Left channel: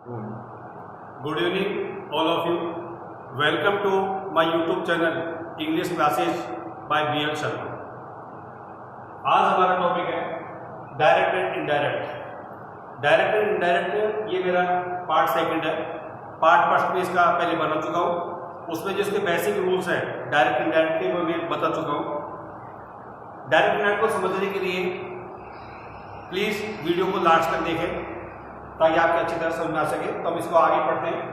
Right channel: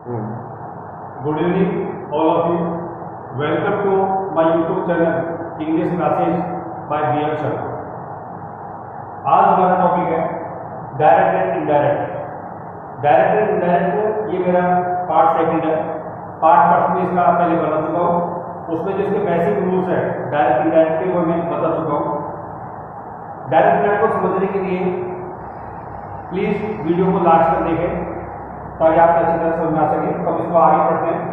Good evening, all of you. Welcome to my YouTube channel English Classes by BL Sharma. आज हमारा topic है direct and indirect. Direct and indirect ये मेरा part second है। Part first में इसका पहले बता चुका हूँ। उसमें जो इसके बेसिक रूल्स है डायरेक्ट इनडायरेक्ट के वो मैं बता चुका हूँ। डायरेक्ट इनडायरेक्ट को समझने के लिए प्लीज़ वीडियो को लास्ट तक देखें ताकि आपको अच्छी तरह समझ में आ सके। तो हम इसको आगे पढ़ते हैं।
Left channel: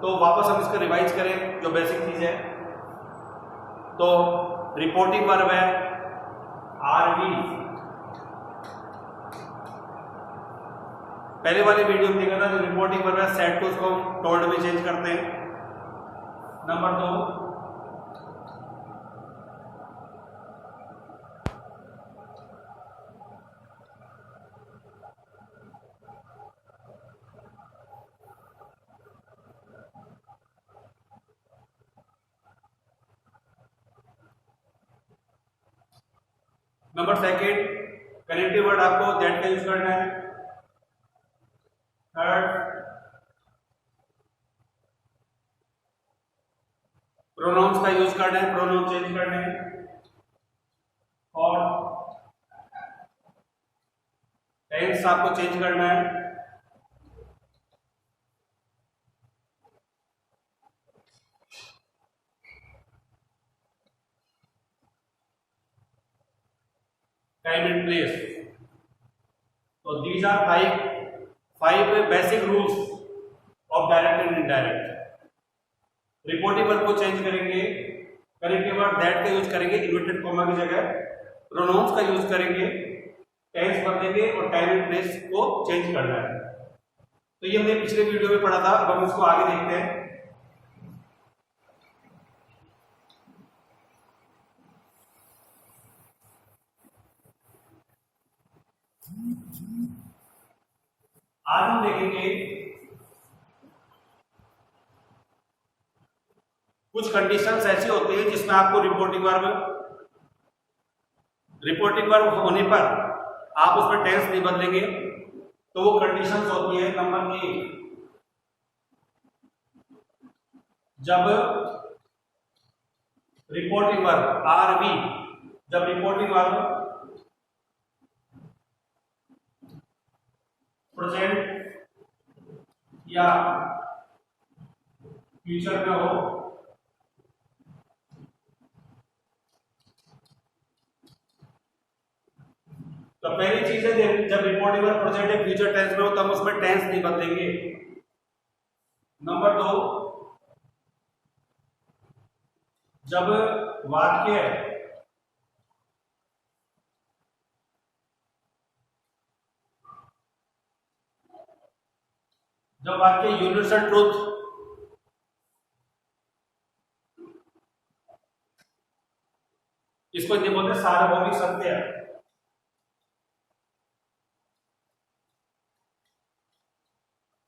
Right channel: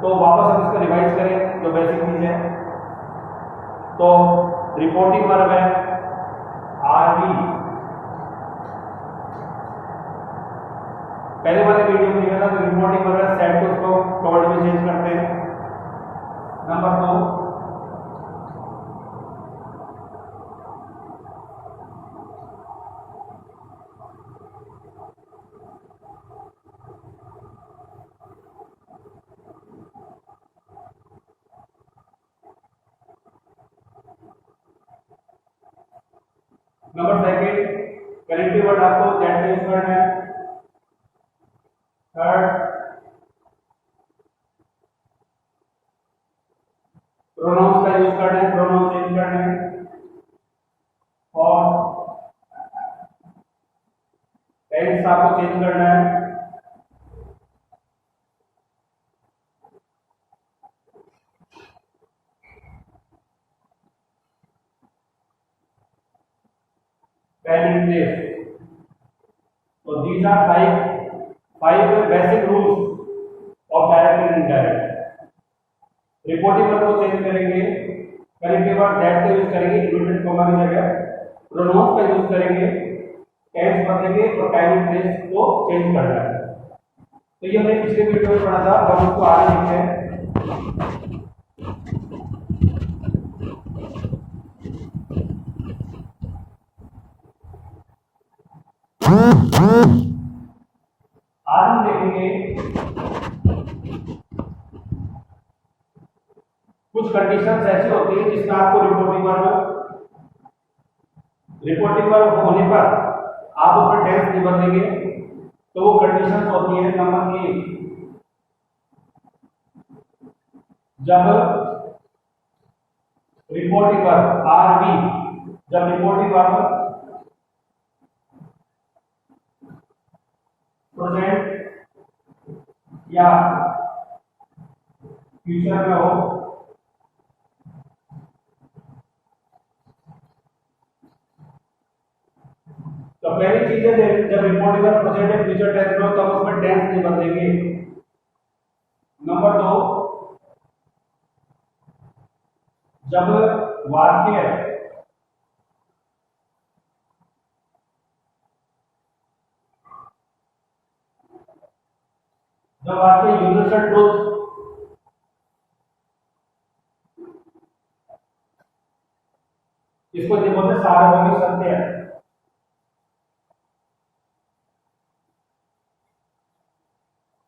तो वापस हम इसको रिवाइज करें जो बेसिक चीज़ है। तो रिपोर्टिंग वर्ब है आरवी। पहले वाले वीडियो में देखा था जो रिपोर्टिंग वर्ब है सेट को उसको टोल्ड में चेंज करते हैं। Number 2 number second connective word आपको दैट का यूज करना है। थर्ड प्रोनाउंस का यूज करना है, प्रोनाउन चेंज करना है। और टेंस आपको चेंज करना है। Time and place. तो these are five basic rules of direct and indirect. Reporting verb को चेंज करेंगे, कनेक्टिव वर्ड दैट का यूज करेंगे इन्वर्टेड कॉमा की जगह, प्रोनाउंस का यूज करेंगे, टेंस बदलेंगे और टाइम एंड प्लेस को चेंज करना है। तो ये हमने पिछले वीडियो में पढ़ा था। अब हम इसको आगे देखते हैं। आज हम देखेंगे कुछ कंडीशंस ऐसी होती है जिसमें आपको रिपोर्टिंग वर्ब होने पर आप उसमें टेंस नहीं बदलेंगे। तो वो कंडीशंस होती है नंबर 1, जब रिपोर्टिंग वर्ब आरवी, जब रिपोर्टिंग वर्ब प्रेजेंट या फ्यूचर में हो। तो पहली चीज है जब रिपोर्टिंग वर्ब प्रेजेंट या फ्यूचर टेंस में हो तब उसमें टेंस नहीं बदलेंगे। नंबर 2, जब वाक्य यूनिवर्सल ट्रूथ इसको हिंदी बोलते हैं सार्वभौमिक सत्य है।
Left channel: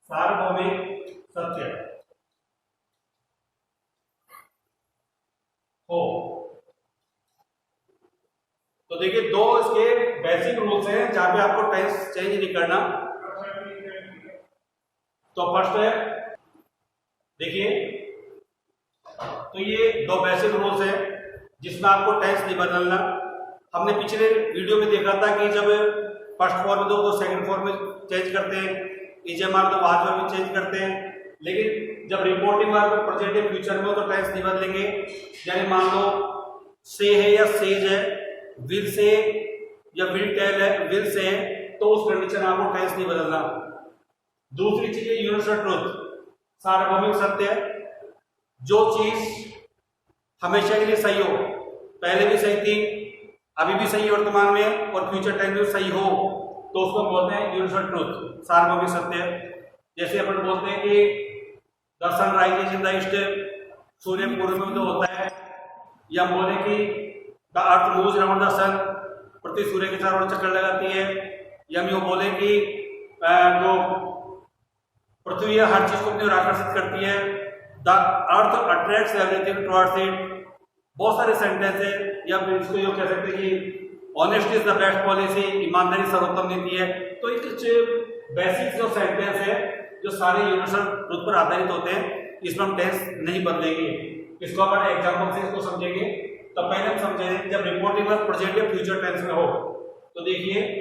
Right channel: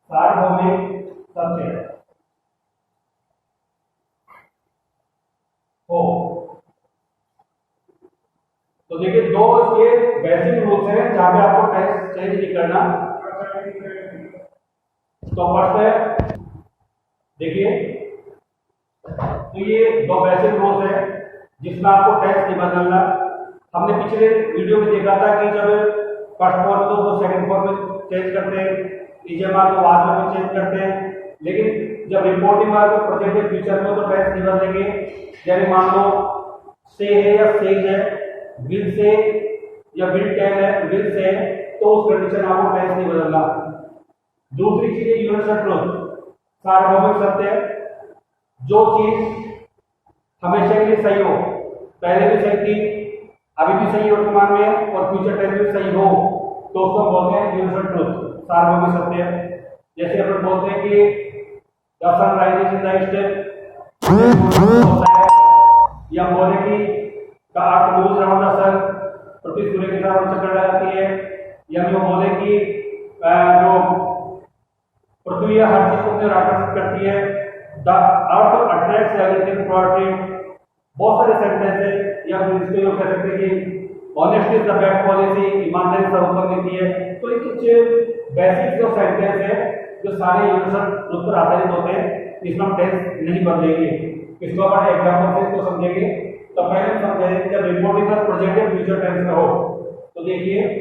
सार्वभौमिक सत्य हो। तो देखिए दो इसके बेसिक रूल्स हैं जहां पे आपको टेंस चेंज नहीं करना। तो फर्स्ट है देखिए, तो ये दो बेसिक रूल्स हैं जिसमें आपको टेंस नहीं बदलना। हमने पिछले वीडियो में देखा था कि जब फर्स्ट फॉर्म दो तो सेकंड फॉर्म में चेंज करते हैं, इजेमार तो बाद में चेंज करते हैं। लेकिन जब रिपोर्टिंग वर्ब प्रेजेंट या फ्यूचर में हो तो टेंस नहीं बदलेंगे। यानी मान लो से है या सेज है, विल से या विल टेल है, विल से है, तो उस कंडीशन में आपको टेंस नहीं बदलना। दूसरी चीज है यूनिवर्सल ट्रूथ, सार्वभौमिक सत्य है। जो चीज हमेशा के लिए सही हो, पहले भी सही थी, अभी भी सही वर्तमान में और फ्यूचर टाइम में सही हो, तो उसको बोलते हैं यूनिवर्सल ट्रूथ, सार्वभौमिक सत्य। जैसे अपन बोलते हैं कि the sun rises in the east होता है, या हम बोले कि the earth moves around the sun, पृथ्वी सूर्य के चारों ओर चक्कर लगाती है। या हम यूं बोले कि जो पृथ्वी हर चीज को अपनी ओर आकर्षित करती है, the earth attracts everything towards it. बहुत सारे सेंटेंस है, या फिर इसको यूं कह सकते हैं कि honesty is the best policy, ईमानदारी सर्वोत्तम नीति है। तो ये कुछ बेसिक जो सेंटेंस है जो सारे यूनिवर्सल ट्रूथ पर आधारित होते हैं, इसमें हम टेंस नहीं बदलेंगे। इसको अपन एग्जांपल से इसको समझेंगे। तो पहले हम समझेंगे जब रिपोर्टिंग का प्रेजेंट या फ्यूचर टेंस में हो तो देखिए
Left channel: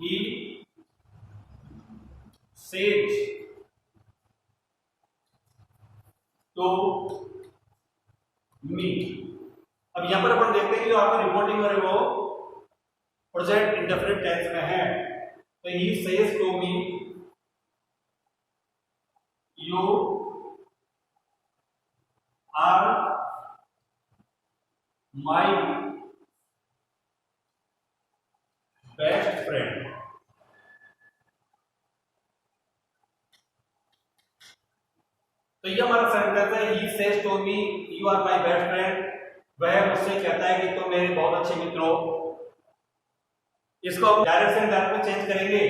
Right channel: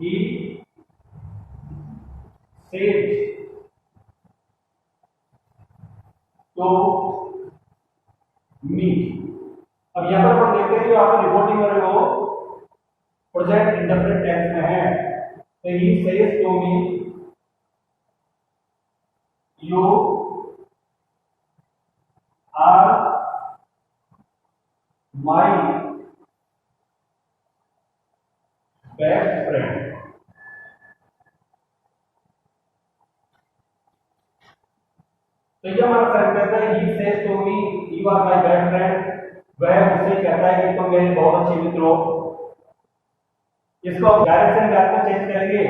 he said to me। अब यहां पर अपन देखते हैं कि जो आपका रिपोर्टिंग कर रहे हो प्रेजेंट इंडेफिनिट टेंस में है। तो he says to me you are my best friend. तो ये हमारा सेंटेंस है he says to me you are my best friend. वह मुझसे कहता है कि तुम मेरे बहुत अच्छे मित्र हो। इसको डायरेक्शन गैप में चेंज करेंगे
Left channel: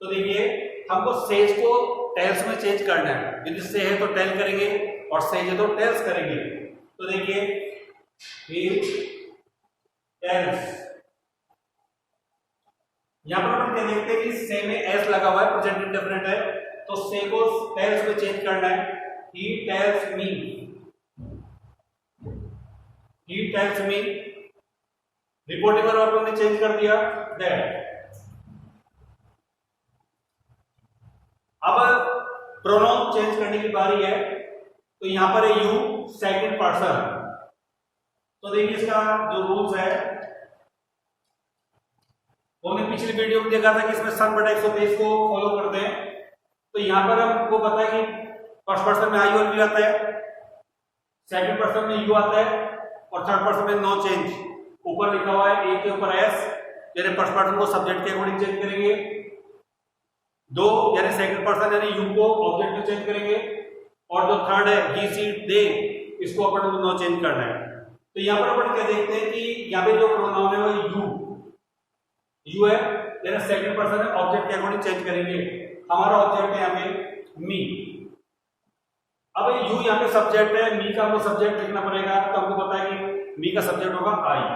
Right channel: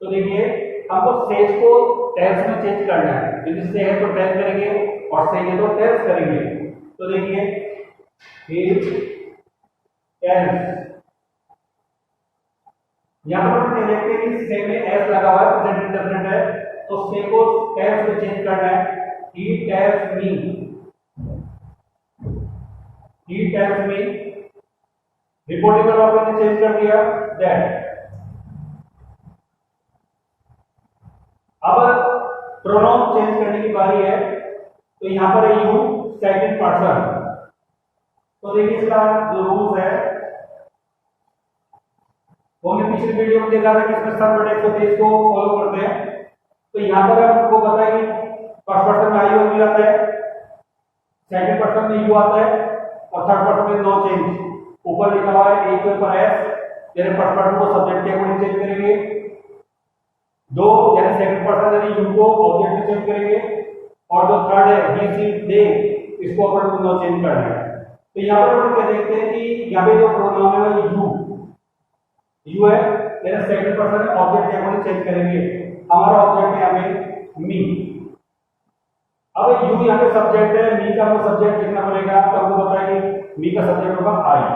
तो देखिए हमको सेज को टेल्स में चेंज करना है। यदि से है तो टेल करेंगे और सेज है तो टेल्स करेंगे। तो देखिए ही टेल्स, यहां पर हम देखते हैं कि से में एस लगा हुआ है, प्रेजेंट इंडेफिनिट है, तो से को टेल्स में चेंज करना है। He tells me, he tells me. Reporting verb आपने चेंज कर दिया दैट। अब प्रोनाउन चेंज करने की बारी है। तो यहां पर है यू सेकंड पर्सन। तो देखिए इसका जो रूल्स है वो हमने पिछली वीडियो में देखा था कि इसमें सम बटा 123 को फॉलो करते हैं। तो यहां पर आपको पता है कि फर्स्ट पर्सन में आई और वी आता है, सेकंड पर्सन में यू आता है और थर्ड पर्सन में नो चेंज। ऊपर लिखा हुआ है ए के ऊपर एस, यानी फर्स्ट पर्सन को सब्जेक्ट के अकॉर्डिंग चेंज करेंगे। दो यानी सेकंड पर्सन यानी यू को ऑब्जेक्ट में चेंज करेंगे और जो थर्ड है ही सी दे, इसको अपन को नो चेंज करना है। तो यहां पर अपन क्या देखते हैं कि यहां पे जो प्रोनाउन है वो यू है, यानी सेकंड पर्सन है, ऑब्जेक्ट के अकॉर्डिंग चेंज करेंगे। हमारा ऑब्जेक्ट है यहां पे मी। अब यू यहां पे सब्जेक्ट है, मी का हमको सब्जेक्ट लिखना पड़ेगा। तो हमको पता है कि मी का सब्जेक्ट होगा आई।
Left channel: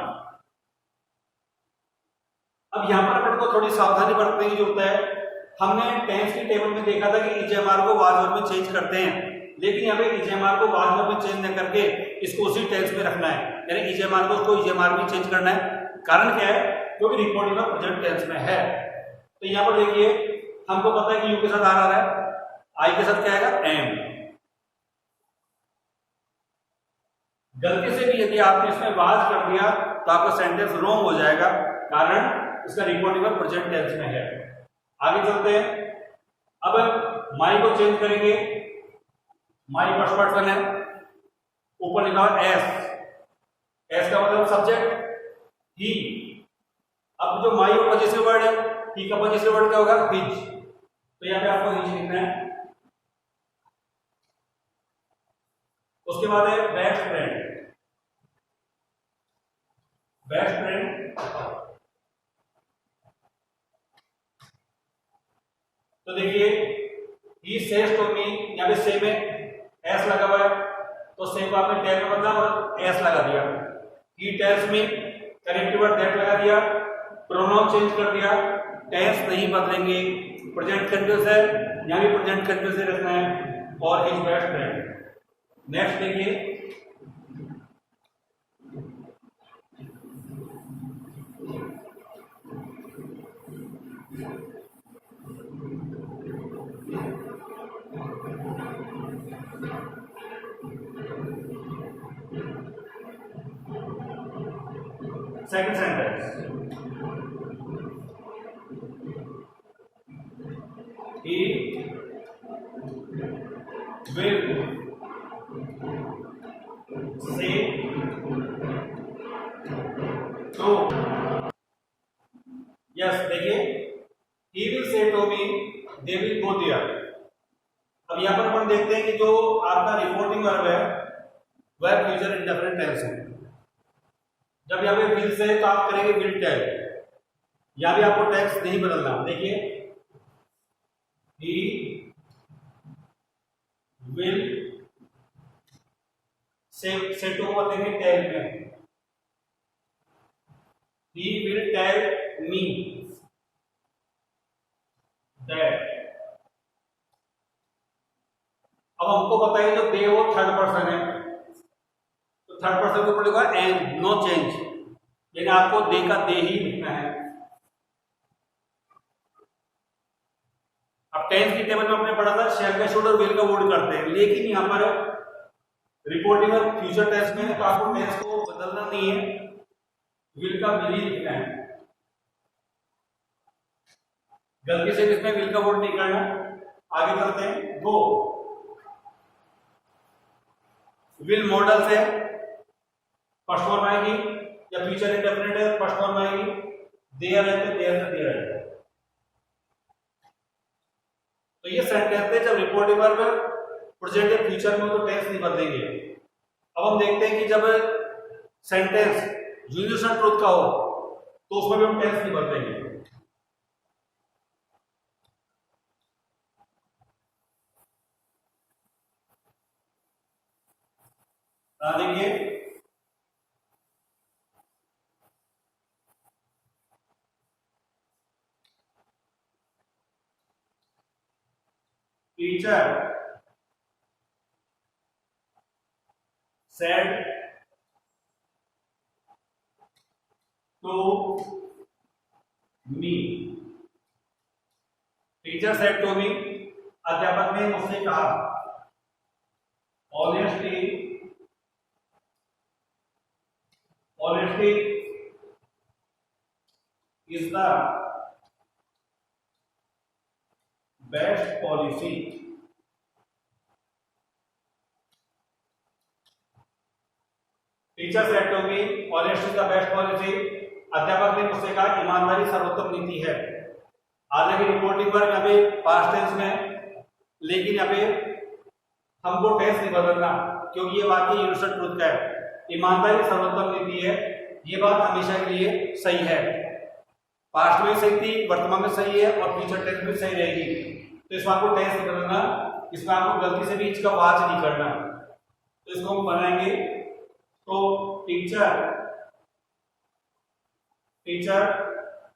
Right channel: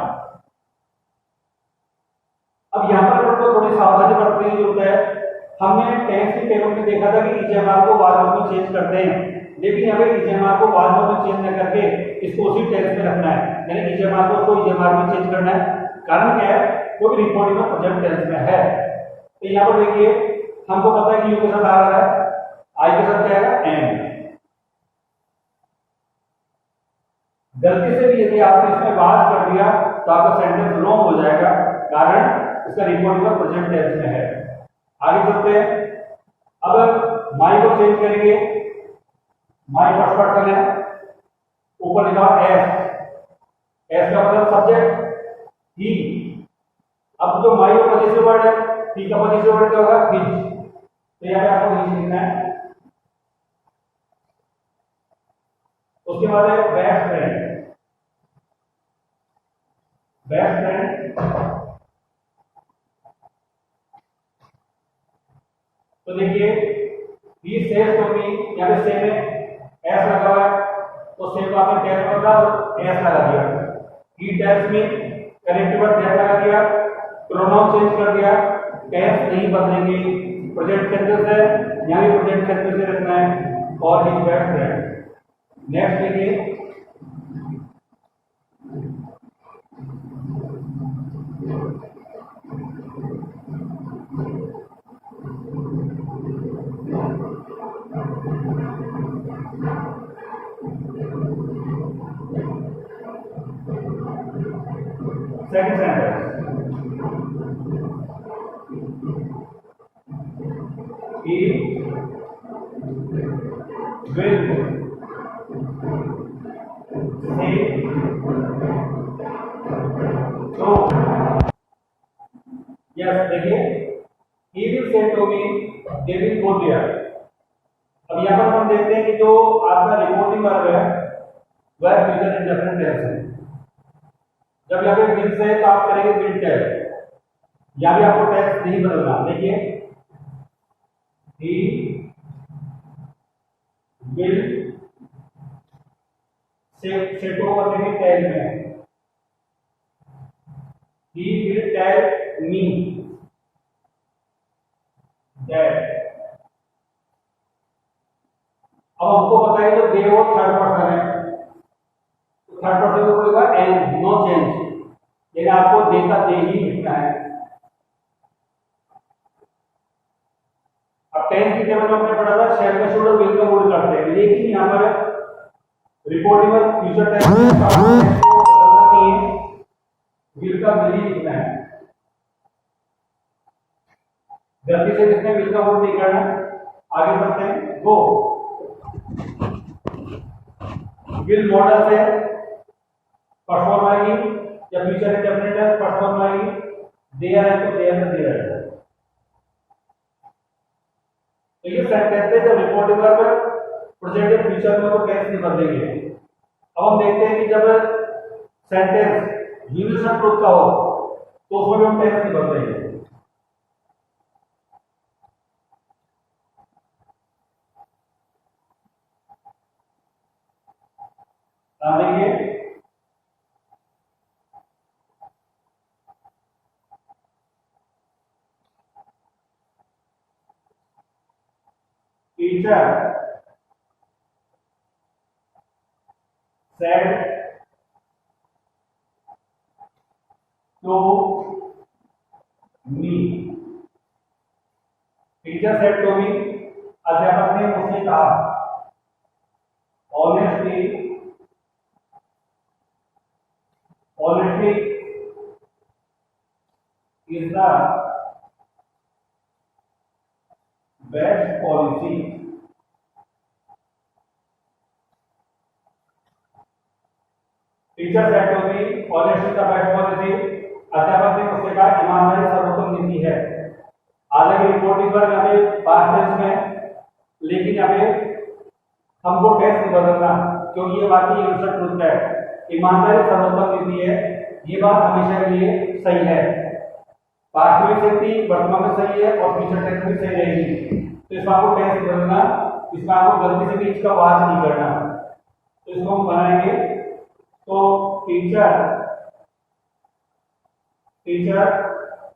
अब यहां पर अपन को थोड़ी सावधानी बरतने की जरूरत है। हमने टेंस की टेबल में देखा था कि इजेमार को वाज वर्ब में चेंज करते हैं, लेकिन यहाँ पे इजेमार को वाज वर्ब में चेंज न करके इसको उसी टेंस में रखना है, यानी इजेमार को उसको इजेमार में चेंज करना है। कारण क्या है? क्योंकि रिपोर्टिंग का प्रेजेंट टेंस में है। तो यहाँ पर देखिए हमको पता है कि यू के साथ आ रहा है, आई के साथ क्या आएगा एम। गलती से भी यदि आपने इसमें वाज कर दिया तो आपका सेंटेंस रॉन्ग हो जाएगा, कारण इसका रिपोर्टिंग का प्रेजेंट टेंस में है। आगे चलते हैं। अब माई को चेंज करेंगे। माई फर्स्ट पर्सन है, ऊपर लिखा एस, एस का मतलब सब्जेक्ट ही। अब जो माई का पॉजिटिव वर्ड है, ही का पॉजिटिव वर्ड क्या होगा हिज। तो यहाँ पे आपको हिज लिखना है। उसके बाद है बेस्ट फ्रेंड। बेस्ट फ्रेंड, तो देखिए ही सेज टू मी, यहाँ पे से में एस लगा हुआ है, तो से को आपने टेल में बदला और एस लगा दिया। He tells me, connective word that लगा दिया, प्रोनाउन चेंज कर दिया, टेंस नहीं बदलेंगे। प्रेजेंट कंटीन्यूअस है, यहाँ भी प्रेजेंट कंटीन्यूअस से रखना है। और हिज बेस्ट फ्रेंड। नेक्स्ट देखिए second sentence. He will say to, yes देखिए he will say to me they will go there। अब यहाँ पर हम देखते हैं कि जो आपका रिपोर्टिंग वर्ब है वह फ्यूचर इंडेफिनिट टेंस है। जब यहाँ पे विल से तो आप करेंगे विल टेल, यहाँ भी आपको टेंस नहीं बदलना। देखिए, ही विल सेट ओवर देंगे टेल में, he will tell me that. अब हमको पता है जो दे वो थर्ड पर्सन है, तो थर्ड पर्सन को बोलेगा एंड नो चेंज, यानी आपको दे का दे ही लिखना है। अब टेंस की टेबल में हमने पढ़ा था शैल का शुड और विल का वुड करते हैं, लेकिन यहाँ पर रिपोर्टिंग और फ्यूचर टेंस में पास्ट टेंस को बदलना नहीं है, विल का विल ही लिखना है। गलती से किसने विल का वुड नहीं करना। आगे चलते हैं। गो, विल मॉडल से फर्स्ट फॉर्म आएगी, या फ्यूचर इंडेफिनिट है फर्स्ट फॉर्म आएगी, देयर है तो देयर से देयर है। तो ये सेट कहते हैं जब रिपोर्टिंग वर्ब प्रेजेंट या फ्यूचर में तो टेंस नहीं बदलेंगे। अब हम देखते हैं कि जब सेंटेंस यूनिवर्सल ट्रूथ का हो तो उसमें भी हम टेंस नहीं बदलेंगे। देखिए, teacher said to me, teacher said to me, अध्यापक ने मुझसे कहा। Honestly, honesty is the best policy. Teacher said to me honesty is the best policy, अध्यापक ने मुझसे कहा ईमानदारी सर्वोत्तम नीति है। हालांकि रिपोर्टिंग वर्ब यहाँ पे पास्ट टेंस में, लेकिन यहाँ पे हमको टेंस नहीं बदलना क्योंकि ये वाकई यूनिवर्सल ट्रूथ है। ईमानदारी सर्वोत्तम नीति है, ये बात हमेशा के लिए सही है। पास्ट में सही थी, वर्तमान में सही है और फ्यूचर टेंस में सही रहेगी। तो इसमें आपको टेंस नहीं बदलना, इसमें आपको गलती से भी इसका वाच नहीं करना। तो इसको हम बनाएंगे। तो teacher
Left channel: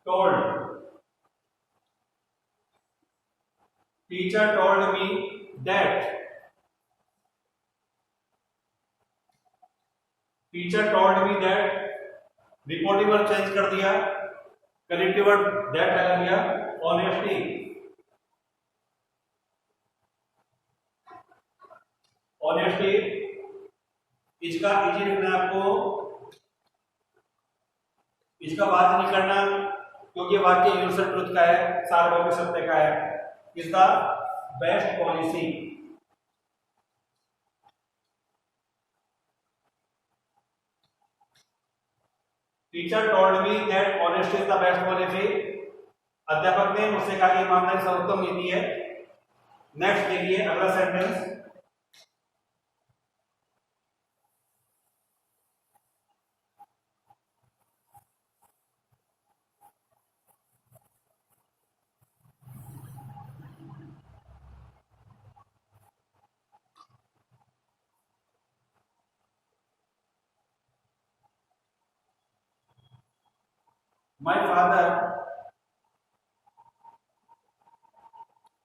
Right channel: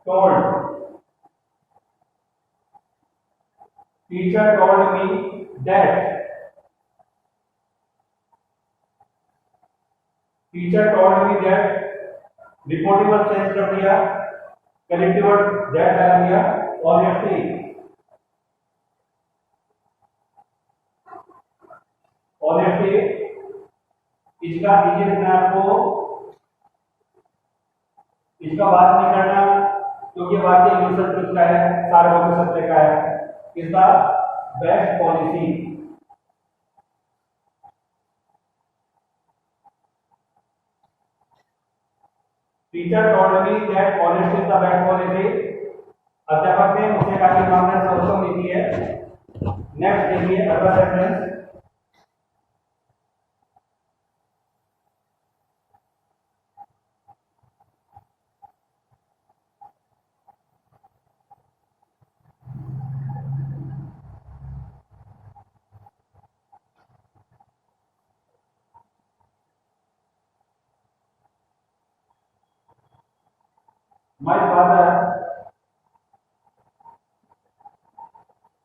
told me that, teacher told me that, reporting verb change कर दिया, कनेक्टिव वर्ड दैट लगा दिया, ऑनेस्टी, ऑनेस्टी इसका इजी लिखना है आपको, इसका बात नहीं करना क्योंकि वाक्य यूनिवर्सल ट्रुथ का है, सार्वभौमिक सत्य का है। Is the best policy, teacher told me that honesty is the best policy, अध्यापक ने मुझसे कहा कि ईमानदारी सर्वोत्तम नीति है। नेक्स्ट देखिए अगला sentence.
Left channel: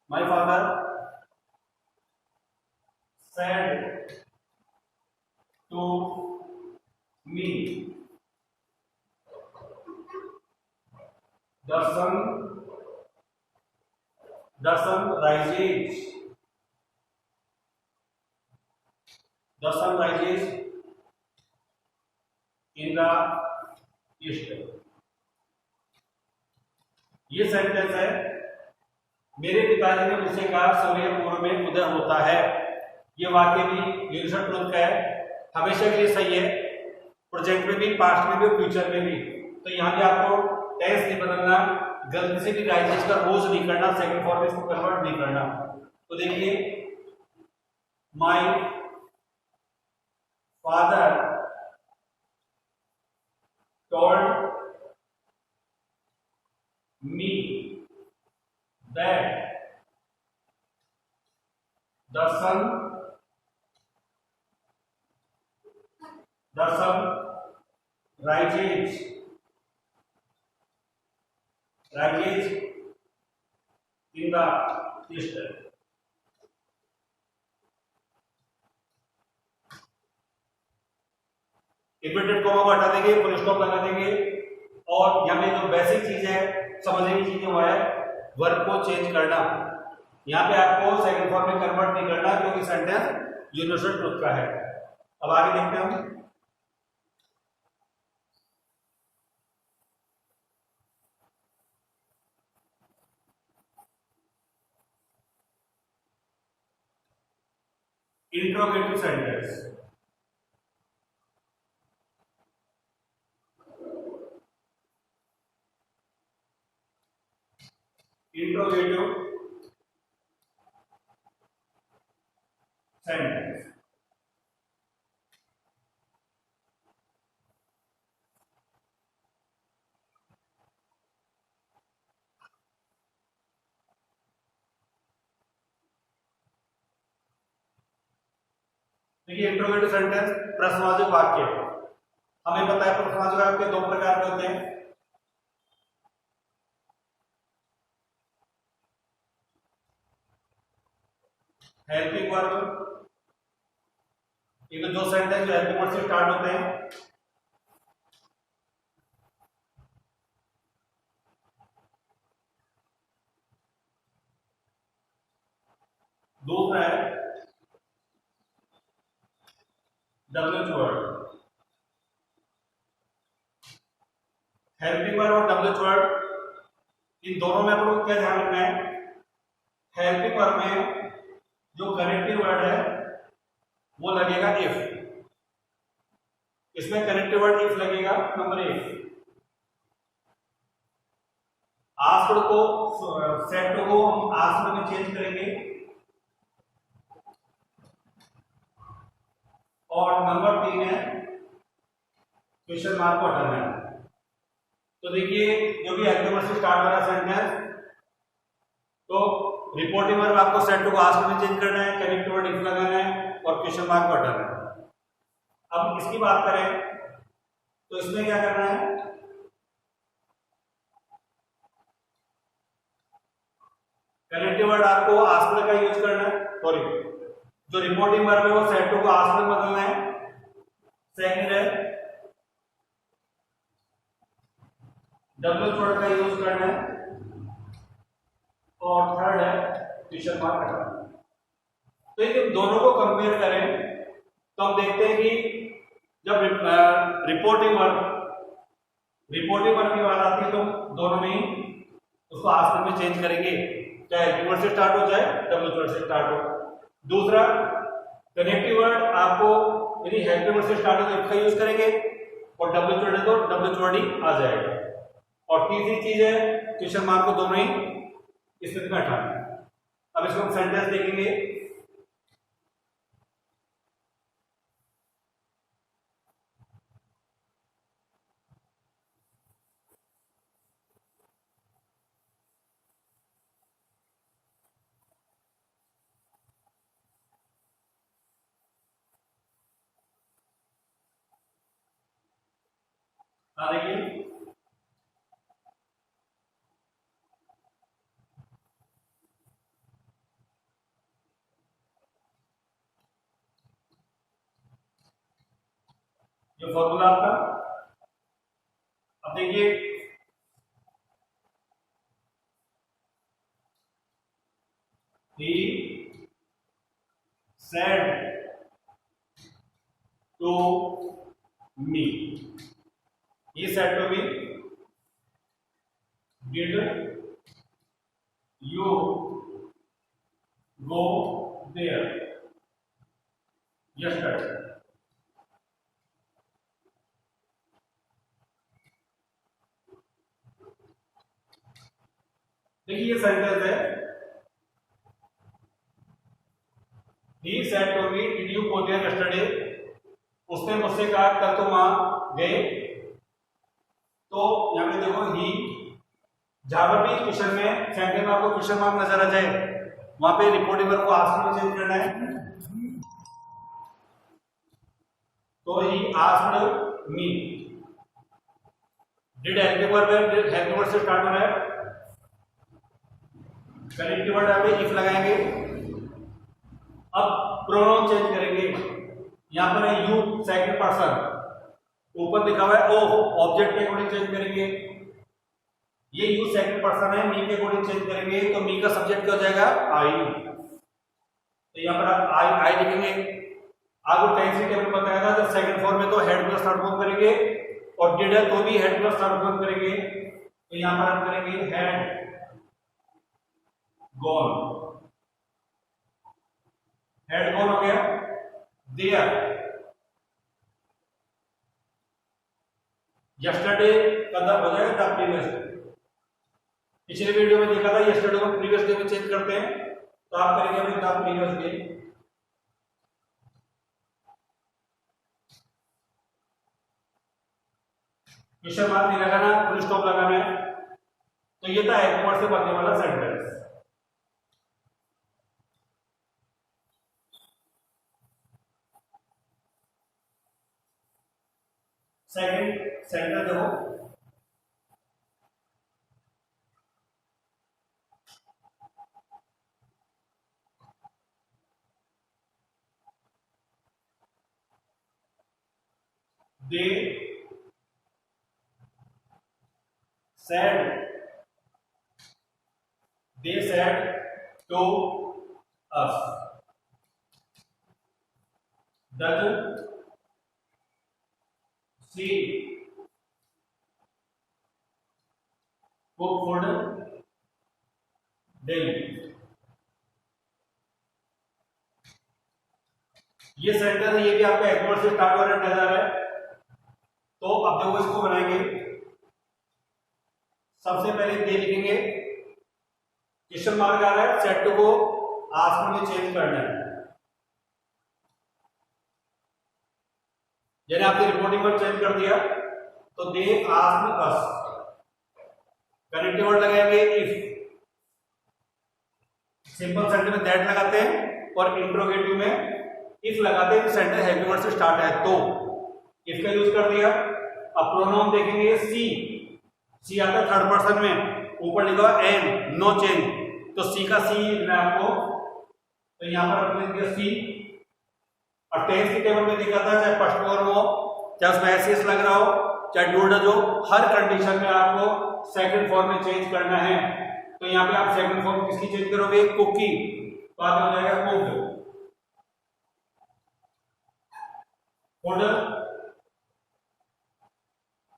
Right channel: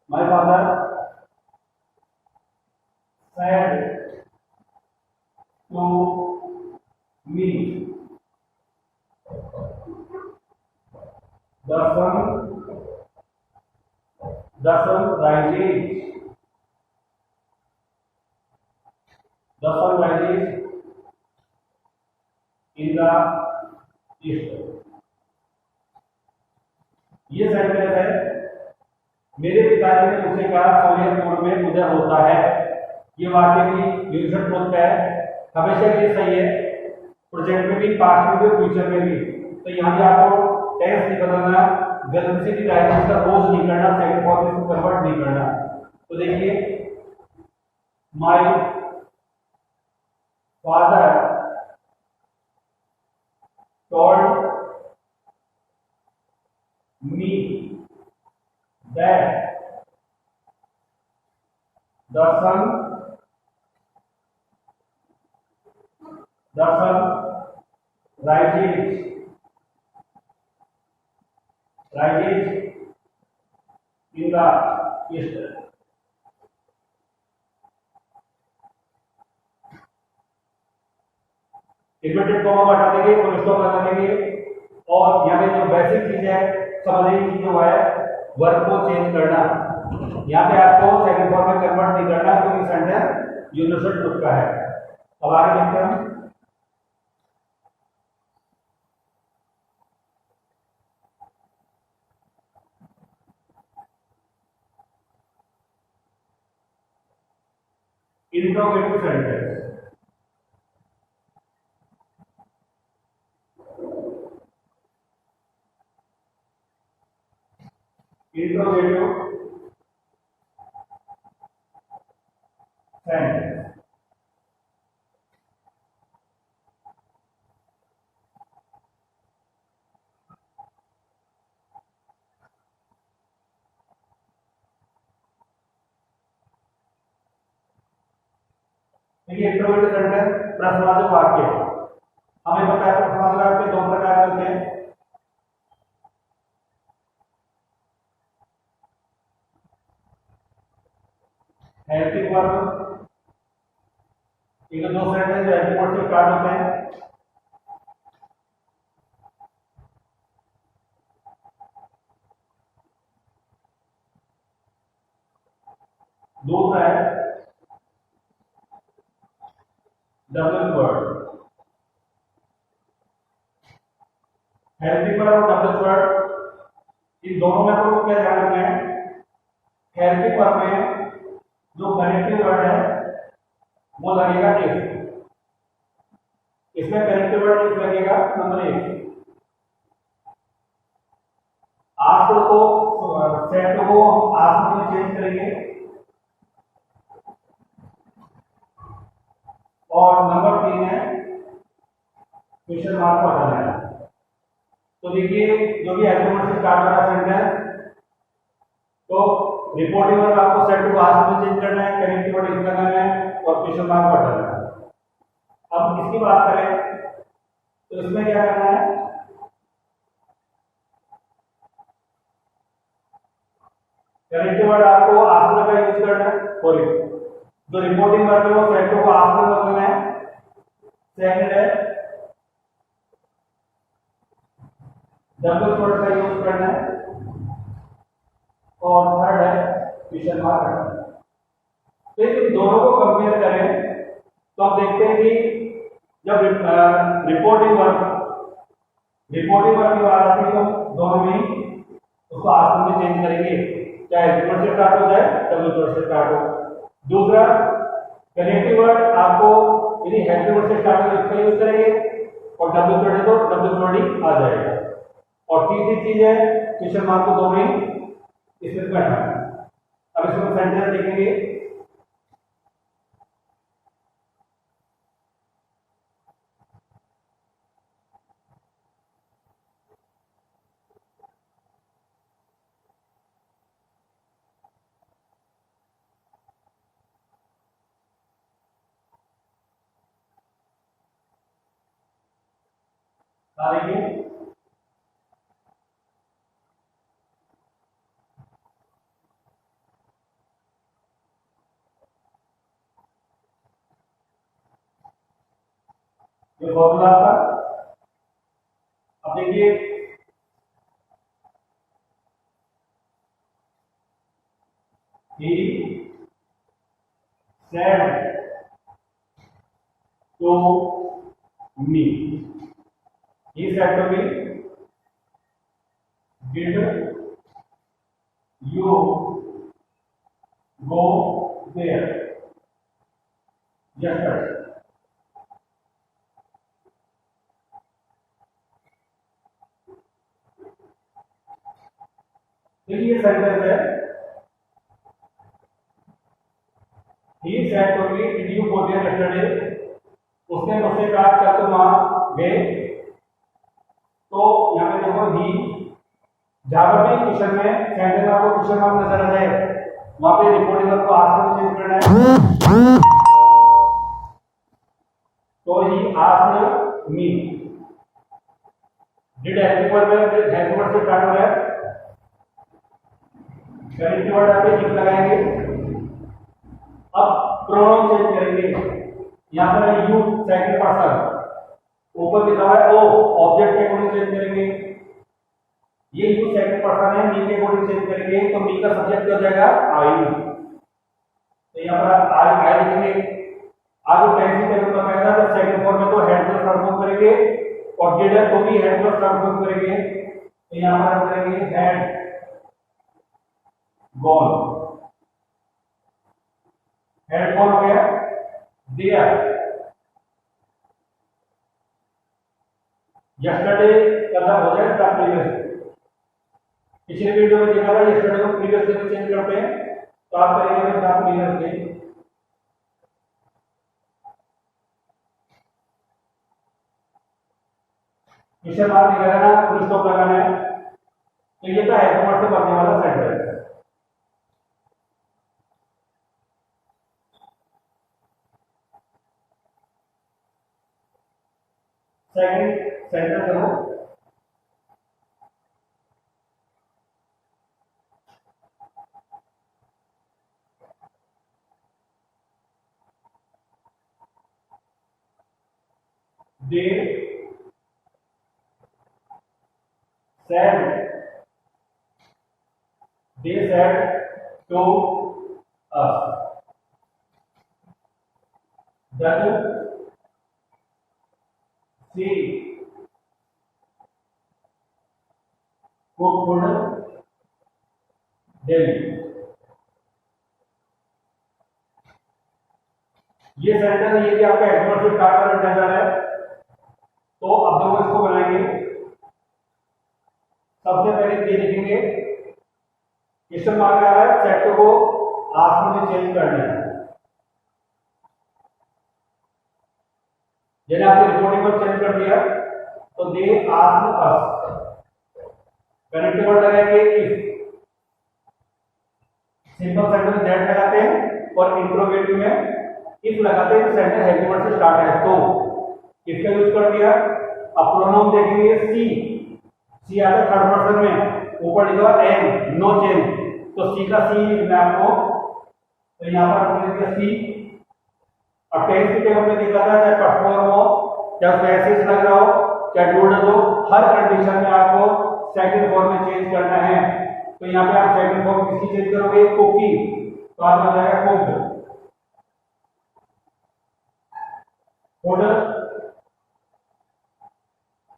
My father said to me, the sun rises in the east। ये सेंटेंस है, मेरे पिताजी ने मुझसे कहा सूर्य पूर्व में उदय होता है। ये वाक्य भी यूनिवर्सल ट्रुथ का है, हमेशा के लिए सही है, प्रेजेंट में भी, पास्ट में भी, फ्यूचर में भी। तो यहाँ भी आपको टेंस नहीं बदलना, गलती से भी राइजेस का रोज नहीं करना, सेकंड फॉर्म में इसको कन्वर्ट नहीं करना। तो देखिए, my father told me that the sun rises in the east। Inverted comma को हटा देंगे, फुल स्टॉप लगा देंगे और यहाँ पे जो बेसिक चीज है समझने की चीज हुआ है वर्ब को चेंज करना। यहाँ पे आपको सेकंड फॉर्म में कन्वर्ट नहीं करना क्योंकि सेंटेंस यूनिवर्सल ट्रुथ का है। अब आगे देखते हैं हम। Interrogative sentence. इंट्रोगेटिव सेंटेंस देखिए, इंट्रोगेटिव सेंटेंस प्रश्नवाचक वाक्य। हमें पता है प्रश्नवाचक वाक्य दो प्रकार के होते हैं। हेल्पिंग वर्ब, एक दो सेंटेंस जो हेल्पिंग वर्ब से स्टार्ट होते हैं। दूसरा है डब्ल्यूएच वर्ड। हेल्पिंग वर्ब और डब्ल्यूएच वर्ड, इन दोनों में आपको क्या ध्यान रखना है? हेल्पिंग वर्ब में जो कनेक्टिव वर्ड है वो लगेगा इफ। इसमें कनेक्टिव वर्ड इफ लगेगा नंबर एक। आस्क्ड को सेट को हम आस्क्ड में चेंज करेंगे और नंबर 3 है क्वेश्चन मार्क को हटाना है। तो देखिए, जो भी हेल्पिंग से स्टार्ट हो रहा सेंटेंस, तो रिपोर्टिंग वर्ब आपको सेट को आस्क्ड में चेंज करना है, कनेक्टिव वर्ड इफ लगाना है और क्वेश्चन मार्क को हटाना है। अब इसकी बात करें तो इसमें क्या करना है? कनेक्टिव वर्ड आपको आस्क्ड का यूज करना है, सॉरी जो रिपोर्टिंग वर्ब है वो सेट को आस्क्ड में बदलना है। सेकंड है डब्ल्यूएच वर्ड का यूज करना है और थर्ड है क्वेश्चन मार्क हटाना। तो ये दोनों को कंपेयर करें तो हम देखते हैं कि जब रिपोर्टिंग वर्ब की बात आती है तो दोनों में ही उसको आस्क्ड में चेंज करेंगे, चाहे हेल्पिंग वर्ड से स्टार्ट हो चाहे डब्ल्यूएच वर्ड से स्टार्ट हो। दूसरा कनेक्टिव वर्ड आपको यदि हेल्पिंग वर्ड से स्टार्ट हो तो इसका यूज करेंगे और डब्ल्यूएच वर्ड है तो डब्ल्यूएच वर्ड ही आ जाएगा। और तीसरी चीज है क्वेश्चन मार्क को दोनों ही इसमें हटाना है। अब इसको हम सेंटेंस देखेंगे। आ रही है जो फॉर्मूला आपका। अब देखिए, he said to me, he said to me, did you go there yesterday? देखिए ये सेंटेंस है, he said to me, did you go there yesterday? उसने मुझसे कहा क्या तुम वहां गए? तो यहाँ पे देखो ही जहां पर भी क्वेश्चन में सेंटेंस में आपको क्वेश्चन मार्क नजर आ जाए वहां पे रिपोर्टिंग वर्ब को आस्क में चेंज करना है। तो he asked me, did helping verb है, डिड हेल्पिंग वर्ब से स्टार्ट हो रहा है। कनेक्टिव वर्ड यहाँ पे इफ लगाएंगे। अब प्रोनाउन चेंज करेंगे। यहां पर है यू सेकंड पर्सन, ऊपर लिखा हुआ है ओ, ऑब्जेक्ट के अकॉर्डिंग चेंज करेंगे। ये यू सेकंड पर्सन है, मी के अकॉर्डिंग चेंज करेंगे तो मी का सब्जेक्ट क्या हो जाएगा आई। तो यहां पर आप आई लिखेंगे। आपको टेंस टेबल बताया था जब सेकंड फॉर्म में तो हेड प्लस थर्ड फॉर्म करेंगे और डिड है तो भी हेड प्लस थर्ड फॉर्म करेंगे। तो यहां पर हम करेंगे हेड गॉन, हेड गॉन हो गया। देयर यस्टरडे कदा हो जाएगा द प्रीवियस। पिछले वीडियो में देखा था यस्टरडे को प्रीवियस डे में चेंज करते हैं तो आप करेंगे the previous day. Question mark नहीं लगाना, फुल स्टॉप लगाना है। तो ये था हेल्पिंग वर्ब से बनने वाला सेंटेंस। सेकंड सेंटेंस देखो, they said to us that she cooked food daily। ये सेंटेंस ये भी आपका एडवर्ब से स्टार्ट हो रहा है। तो अब देखो इसको बनाएंगे। सबसे पहले ये लिखेंगे, क्वेश्चन मार्क आ रहा है, सेट टू को आस्क्ड में चेंज करना है। जैसे आपने रिपोर्टिंग वर्ड चेंज कर दिया तो they asked us. Connective word लगाएंगे इफ, सिंपल सेंटेंस में दैट लगाते हैं और इंट्रोगेटिव में इफ लगाते हैं तो सेंटेंस हेल्पिंग वर्ड से स्टार्ट है तो इफ का यूज कर दिया। अब प्रोनाउन देखेंगे सी आता है थर्ड पर्सन में, ऊपर लिखा हुआ एन, नो चेंज, तो सी का सी लिखना है आपको। तो यहां पर हमने दिया सी। अब टेंस की टेबल में देखा था चाहे फर्स्ट फॉर्म हो चाहे उसमें एस लग रहा हो चाहे डूड हो, हर कंडीशन में आपको सेकंड फॉर्म में चेंज करना है। तो यहां पे आप सेकंड फॉर्म किसकी चेंज करोगे, कुकी, तो आप हो जाएगा cooked. Order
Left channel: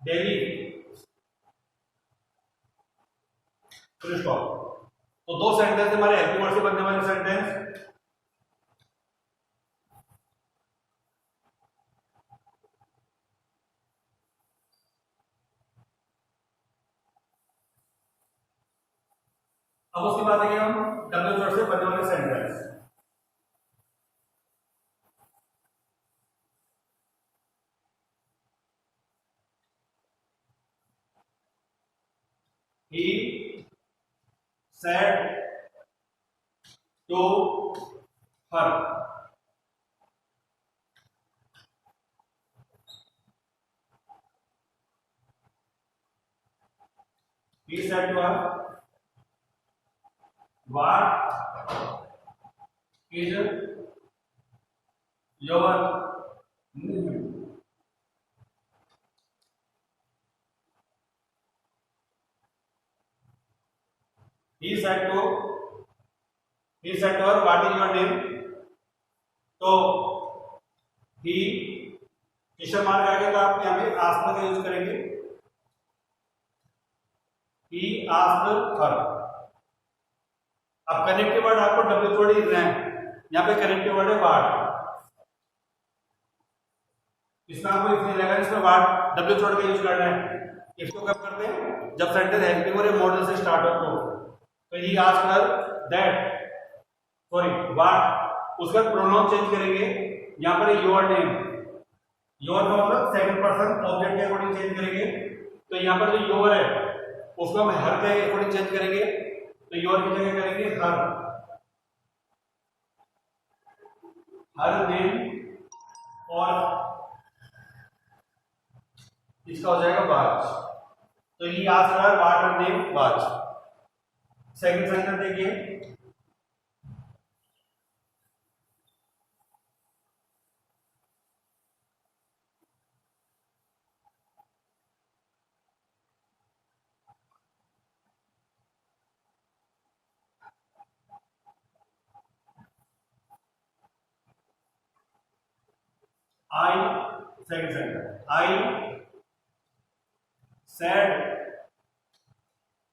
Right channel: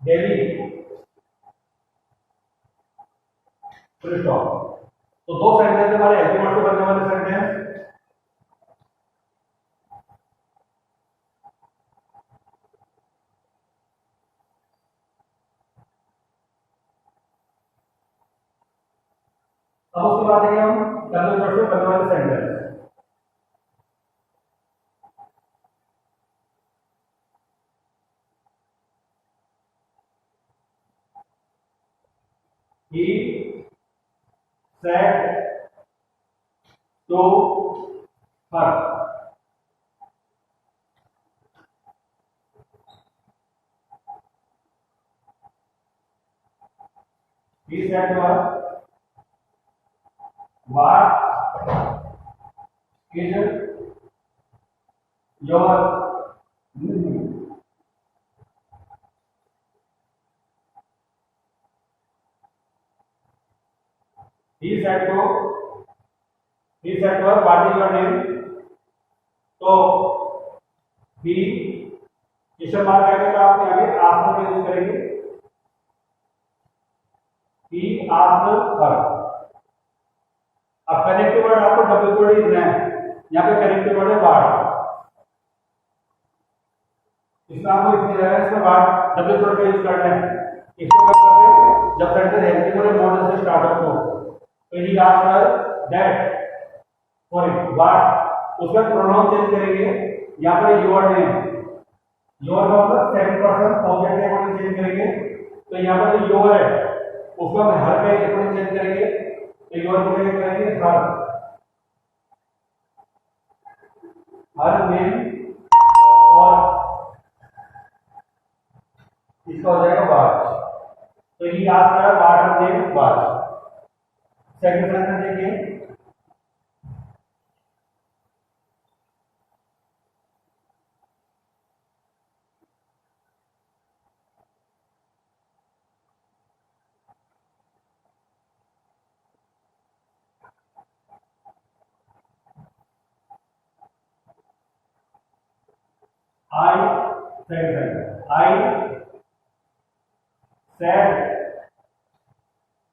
daily, full stop. तो दो सेंटेंस हमारे हेल्पिंग वर्ड से बनने वाले सेंटेंस। अब उसके बाद देखेंगे हम डब्ल्यू वर्ड से बनने वाले sentence. He said to her, he said to her, what is your name? He said to her, what is your name? तो he क्वेश्चन मार्क आएगा तो आप यहाँ पे आस्क्ड का यूज करेंगे। he asked her। अब कनेक्टिव वर्ड आपको डब्ल्यू वर्ड ही देना है। यहाँ पे कनेक्टिव वर्ड है व्हाट, इसमें आपको इतनी जगह इसमें व्हाट डब्ल्यू वर्ड का यूज करना है। इसको कब करते हैं, जब सेंटेंस हेल्पिंग वर्ड मॉडल से स्टार्ट हो। तो he asked her that, sorry what, उसका प्रोनाउन चेंज करेंगे। यहाँ पर योर नेम, योर मतलब सेकंड पर्सन ऑब्जेक्ट के अकॉर्डिंग चेंज करेंगे। तो यहाँ पर जो योर है उसको हम हर का अकॉर्डिंग चेंज करेंगे, तो योर की जगह करेंगे हर नेम, और इसका हो जाएगा वाच। तो ये आज का water name watch. Second sentence देखिए, I, second sentence, I said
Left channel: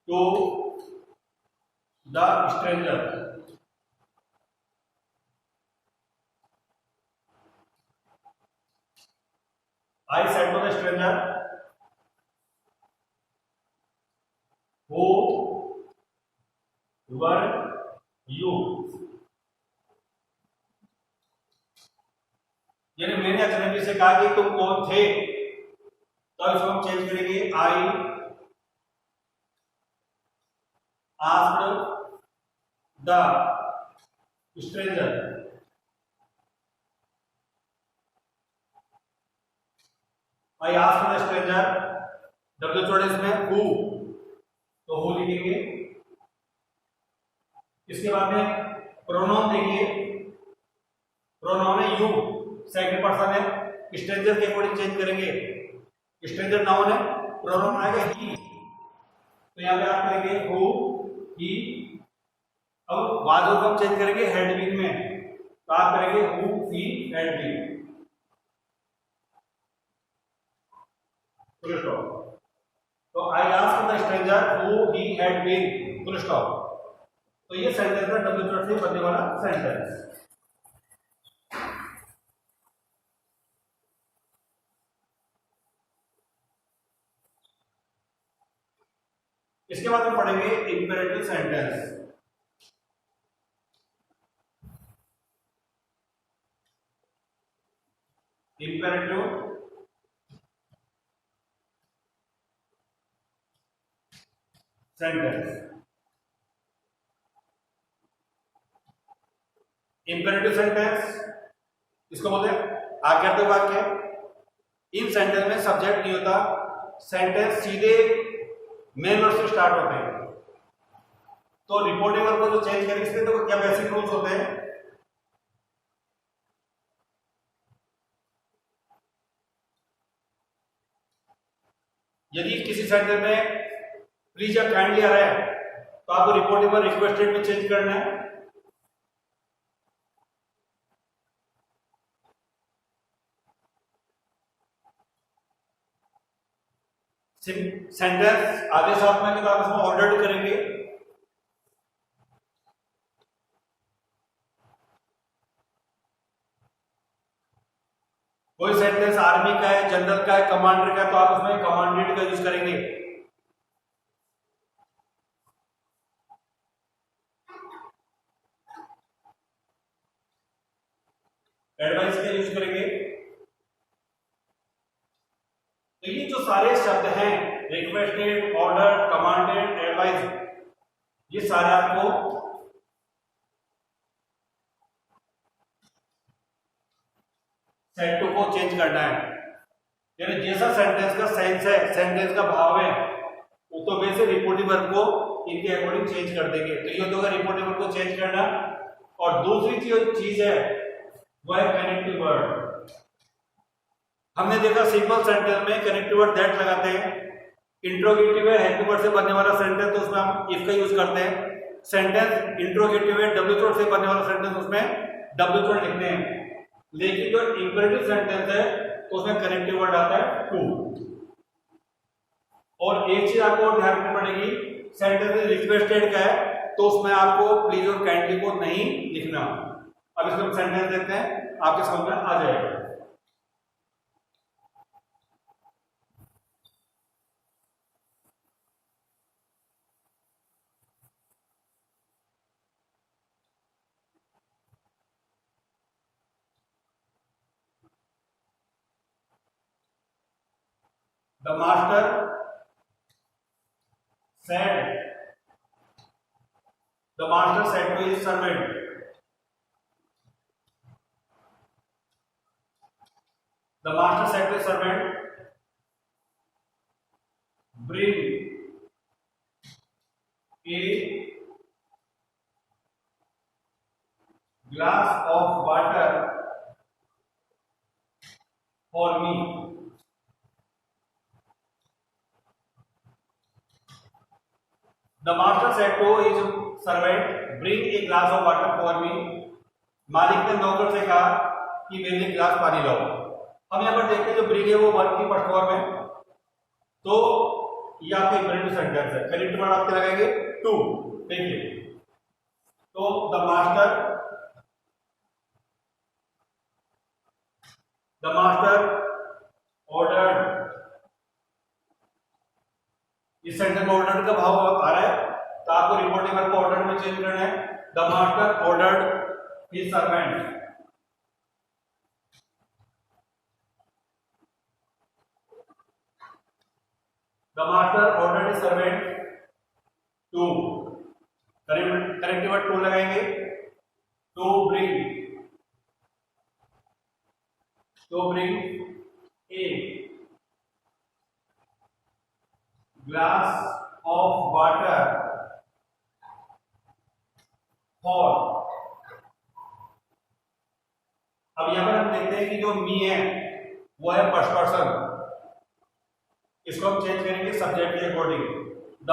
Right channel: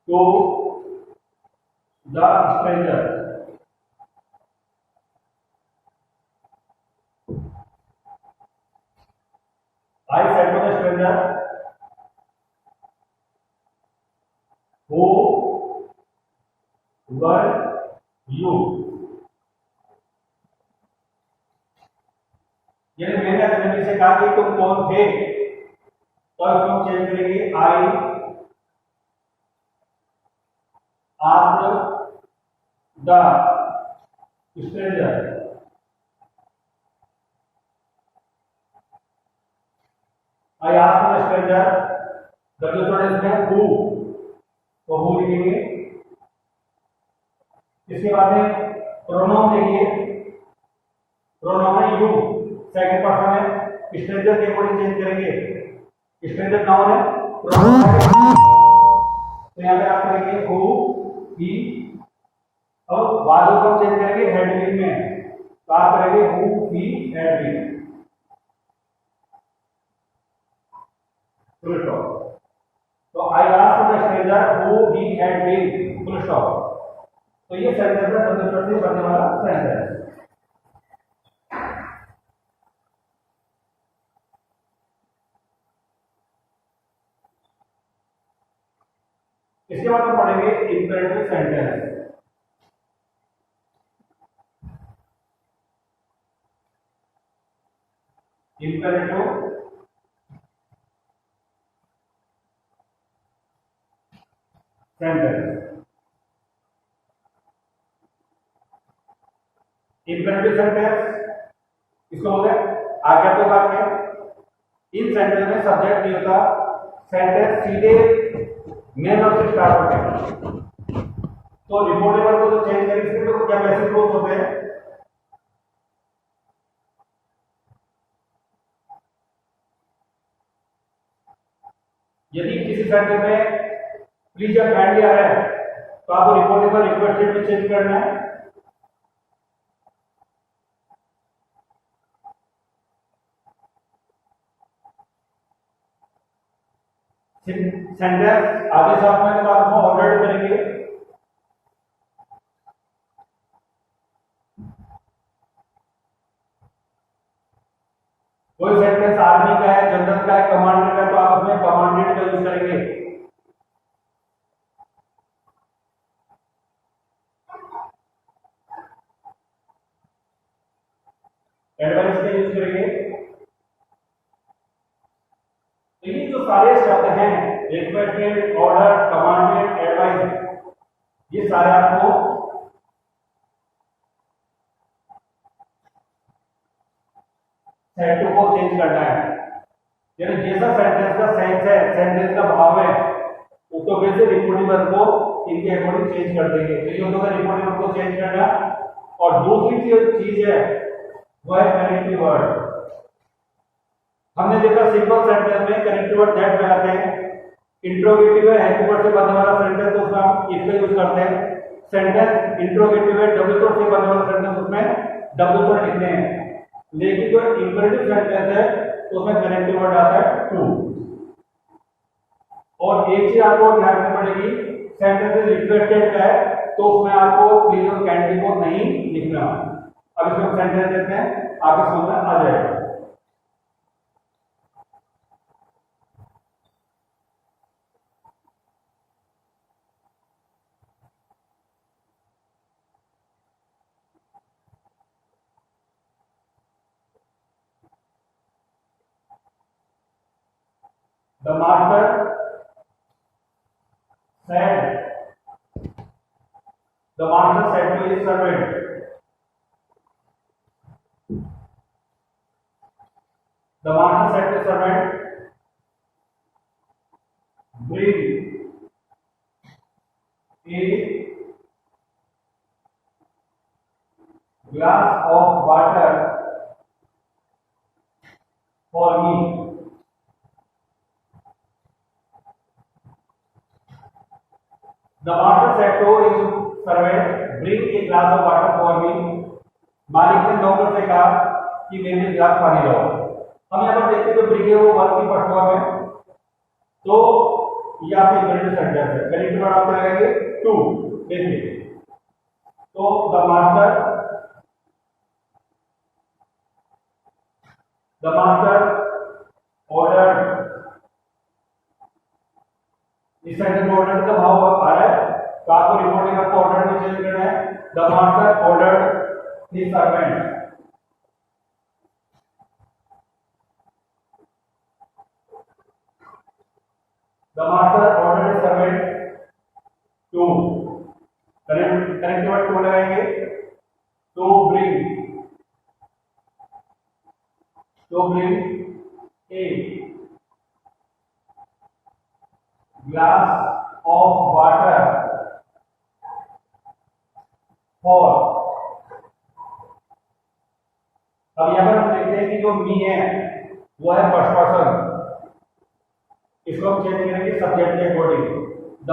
to the stranger. I said to the stranger, who were you? यानी मैंने अजनबी से कहा कि तुम कौन थे, तो इसको हम चेंज करेंगे, आई asked the stranger. I asked the stranger, W छोड़े इसमें हु, तो हु लिखेंगे। इसके बाद में प्रोनाउन देखिए, प्रोनाउन है यू, सेकंड पर्सन है, स्ट्रेंजर के अकॉर्डिंग चेंज करेंगे। स्ट्रेंजर नाउन है, प्रोनाउन है ही, तो यहां पे आप करेंगे हु, ही। अब वाज को हम चेंज करेंगे हैड बीन में, तो आप करेंगे who, he, had been. Full stop. तो I asked the stranger who he had been, full stop. तो ये सेंटेंस का डब्ल्यू से बनने वाला सेंटेंस। इसके बाद हम पढ़ेंगे imperative sentence. Imperative sentence. Imperative sentence इसको बोलते हैं आज्ञार्थक वाक्य। इन सेंटेंस में सब्जेक्ट नहीं होता, सेंटेंस सीधे मेन वर्ब से स्टार्ट होते हैं। तो रिपोर्टिंग वर्ब को जो चेंज करेंगे इसमें तो क्या बेसिक रूल्स होते हैं। यदि किसी सेंटेंस में प्लीज या काइंडली आ रहा है तो आपको रिपोर्टिंग वर्ब रिक्वेस्टेड में चेंज करना है। सेंटेंस आगे साथ में तो आप इसमें ऑर्डर करेंगे। कोई सेंटेंस आर्मी का है, जनरल का है, कमांडर का है, तो आप उसमें कमांडेड का यूज करेंगे। एडवाइस का यूज करेंगे। तो ये जो सारे शब्द हैं, रिक्वेस्टेड, ऑर्डर, कमांडेड, एडवाइस, ये सारे आपको सेंटू को चेंज करना है। यानी जैसा सेंटेंस का सेंस है, सेंटेंस का भाव है, वो तो वैसे रिपोर्टिंग वर्ब को इनके अकॉर्डिंग चेंज कर देंगे। तो ये होगा रिपोर्टिंग वर्ब को चेंज करना। और दूसरी चीज है वो है कनेक्टिव वर्ड। हमने देखा सिंपल सेंटेंस में कनेक्टिव वर्ड दैट लगाते हैं। इंट्रोगेटिव है, हेल्प वर्ड से बनने वाला सेंटेंस, तो उसमें हम इफ का यूज करते हैं। सेंटेंस इंट्रोगेटिव है, डब्ल्यू वर्ड से बनने वाला सेंटेंस, उसमें डब्ल्यू वर्ड लिखने हैं। लेकिन जो इंपेरेटिव सेंटेंस है तो उसमें कनेक्टिव वर्ड आता है टू। और एक चीज आपको ध्यान रखनी पड़ेगी, सेंटेंस रिक्वेस्टेड का है तो उसमें आपको प्लीज और काइंडली को नहीं लिखना। अब इसमें हम सेंटेंस देखते हैं, आपके समझ में आ जाएगा। The master said the master said to his servant, the master said to his servant, bring a glass of water for me. The master said to his servant, bring a glass of water for me. मालिक ने नौकर से कहा कि मेरे लिए गिलास पानी लाओ। हम यहाँ पर देखते हैं जो ब्रिंग है वो वर्ब की फर्स्ट फॉर्म है, तो ये आपके इंपेरेटिव सेंटेंस है। करेक्ट वर्ड आपके लगाएंगे टू। देखिए, तो द मास्टर ऑर्डर्ड, इस सेंटेंस में ऑर्डर का भाव आ रहा है, तो आपको रिपोर्टिंग आपको ऑर्डर में चेंज करना है। The master ordered his servant, the master ordered his servant to, correct word to लगाएंगे, to bring a glass of water for। अब यहां पर हम देखते हैं कि जो मी है वो है फर्स्ट पर्सन, इसको हम चेंज करेंगे सब्जेक्ट के अकॉर्डिंग। द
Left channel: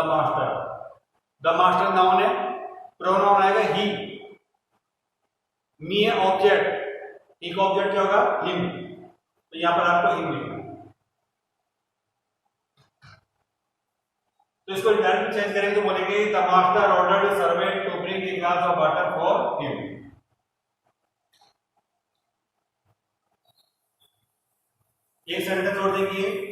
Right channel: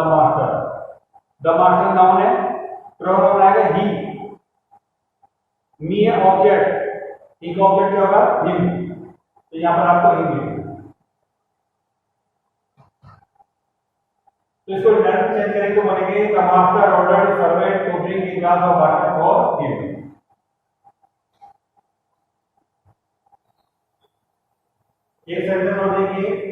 मास्टर नाउन है, प्रोनाउन आएगा ही। मी है ऑब्जेक्ट, ही का ऑब्जेक्ट क्या होगा हिम, तो यहां पर आपको हिम लिखना है। तो इसको डायरेक्ट चेंज करेंगे तो बोलेंगे the master ordered his servant to bring a glass of water for him. एक सेंटेंस और देखिए,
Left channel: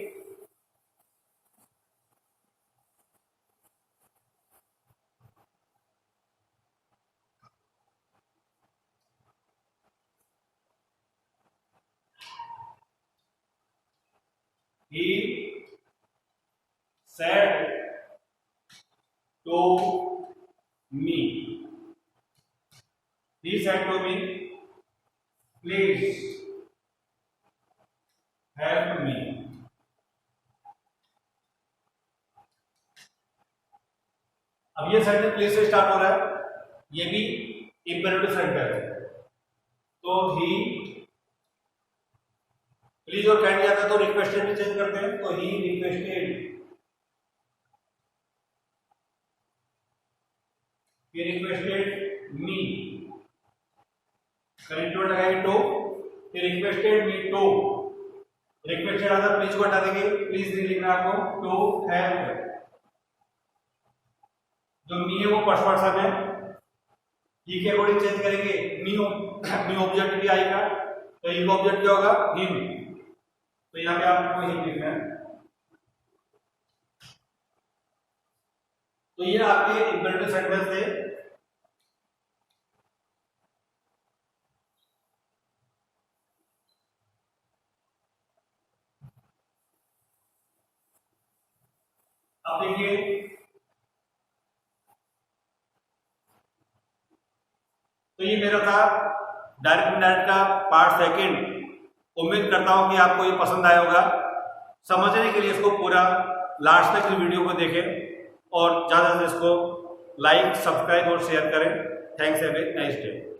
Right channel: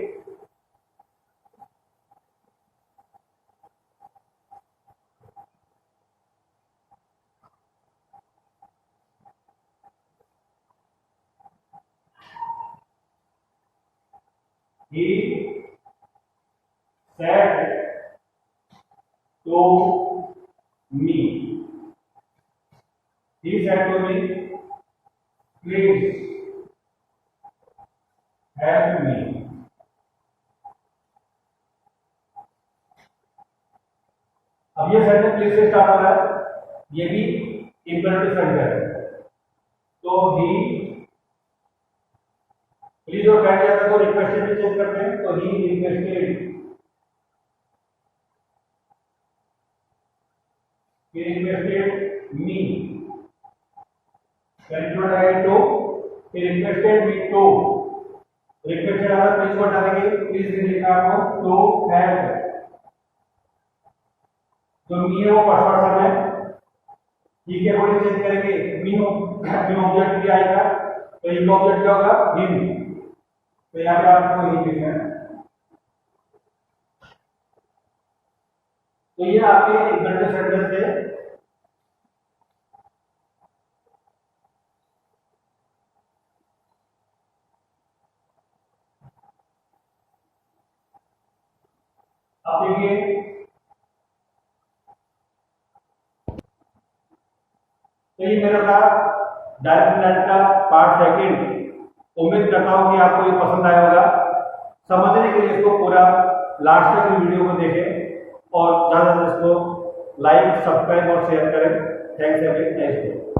he said to me, he said to me, please help me। अब ये सेंटेंस प्लीज से स्टार्ट हो रहा है, ये भी इंपेरेटिव सेंटेंस है। तो ही, प्लीज और कैन लिया था तो रिक्वेस्टेड भी चेंज करते हैं, तो he requested, he requested me, correct word है to, he requested me to, requested आता प्लीज को हटा देंगे, प्लीज नहीं लिखना आपको, टू हेल्प। जो मी है वो फर्स्ट पर्सन है, ही के अकॉर्डिंग चेंज करेंगे, मी ऑब्जेक्ट भी आएगा, तो ही का ऑब्जेक्ट क्या होगा हिम, तो यहाँ पे आपको हिम लिखना है। तो ये आपके इंपेरेटिव सेंटेंस थे। अब देखिए, तो ये मेरा था डायरेक्ट इनडायरेक्ट का पार्ट सेकंड। उम्मीद करता हूं कि आपको ये पसंद आया होगा। समझने के लिए इसको पूरा लास्ट तक वीडियो को देखें और ज़्यादा से इसको लाइक, सब्सक्राइब और शेयर करें। Thanks, have a nice day.